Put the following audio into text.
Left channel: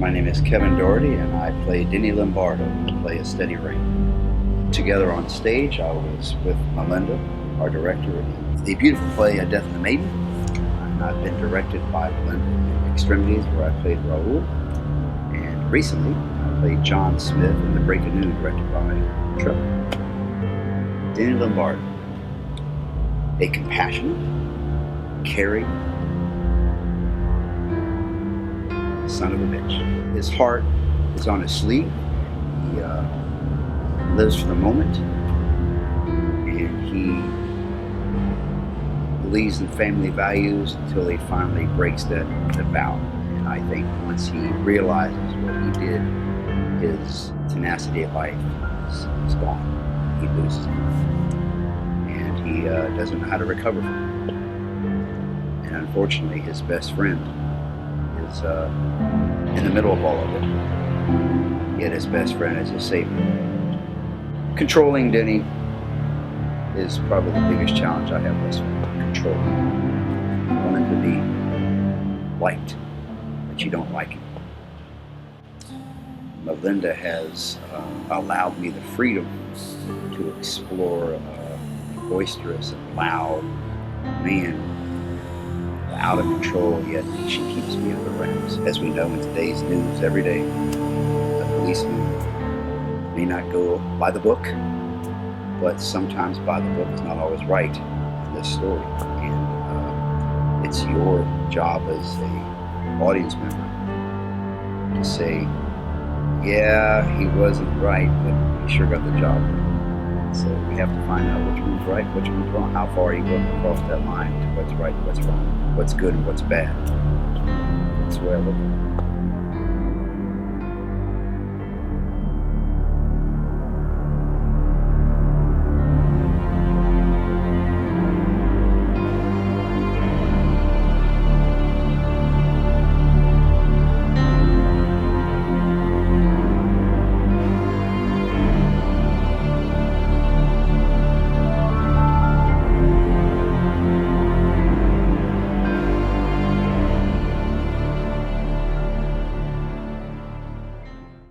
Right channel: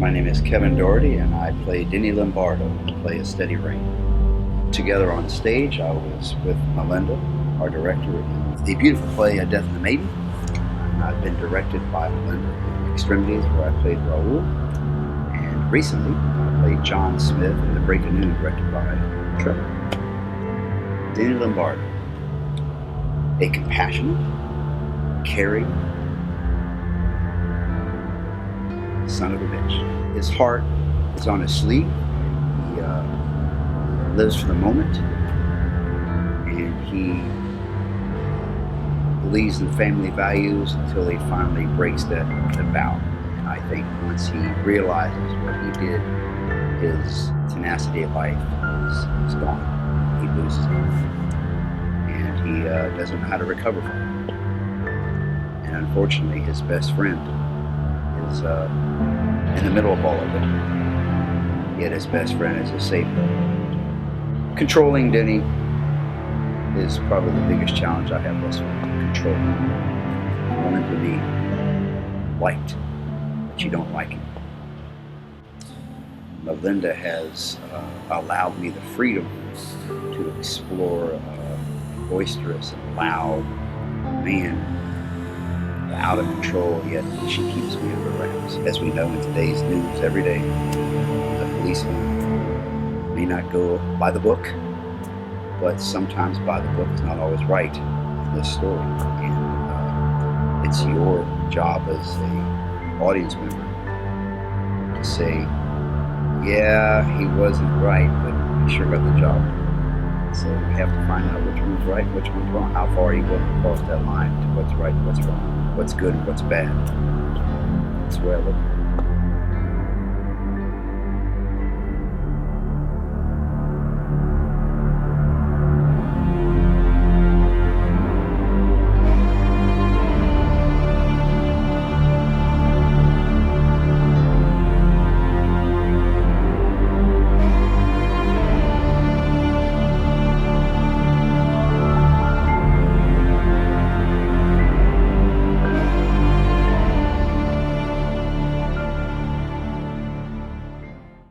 My name is Kevin Daugherty, and I play Denny Lombardo in the play A Steady Rain. Together on stage, I was with Melinda, our director, in the beautiful play A Death and the Maiden. And I've been directed by Melinda in Extremities, where I played Raoul. And recently, I played John Smith in The Break of Noon, directed by Trevor. Denny Lombardo, a compassionate, caring son of a bitch. His heart is on his sleeve. He lives for the moment, and he believes in family values until he finally breaks that vow. And I think once he realizes what he did, his tenacity of life is gone. He loses it, and he doesn't know how to recover from it. And unfortunately, his best friend is in the middle of all of it. Yet his best friend is his savior. Controlling Denny is probably the biggest challenge I have thus far. Controlling. Wanting to be liked, but you don't like him. Melinda has allowed me the freedom to explore boisterous and loud man, out of control, yet she keeps me under wraps. As we know in today's news, every day, a policeman may not go by the book, but sometimes by the book is not always right in this story. And it's your job as a audience member to say, yeah, he wasn't right, but he sure got the job. So we have to find out which one's right, which one's wrong. How far are you willing to cross that line to what's right and what's wrong, what's good and what's bad. That's the way I look at it.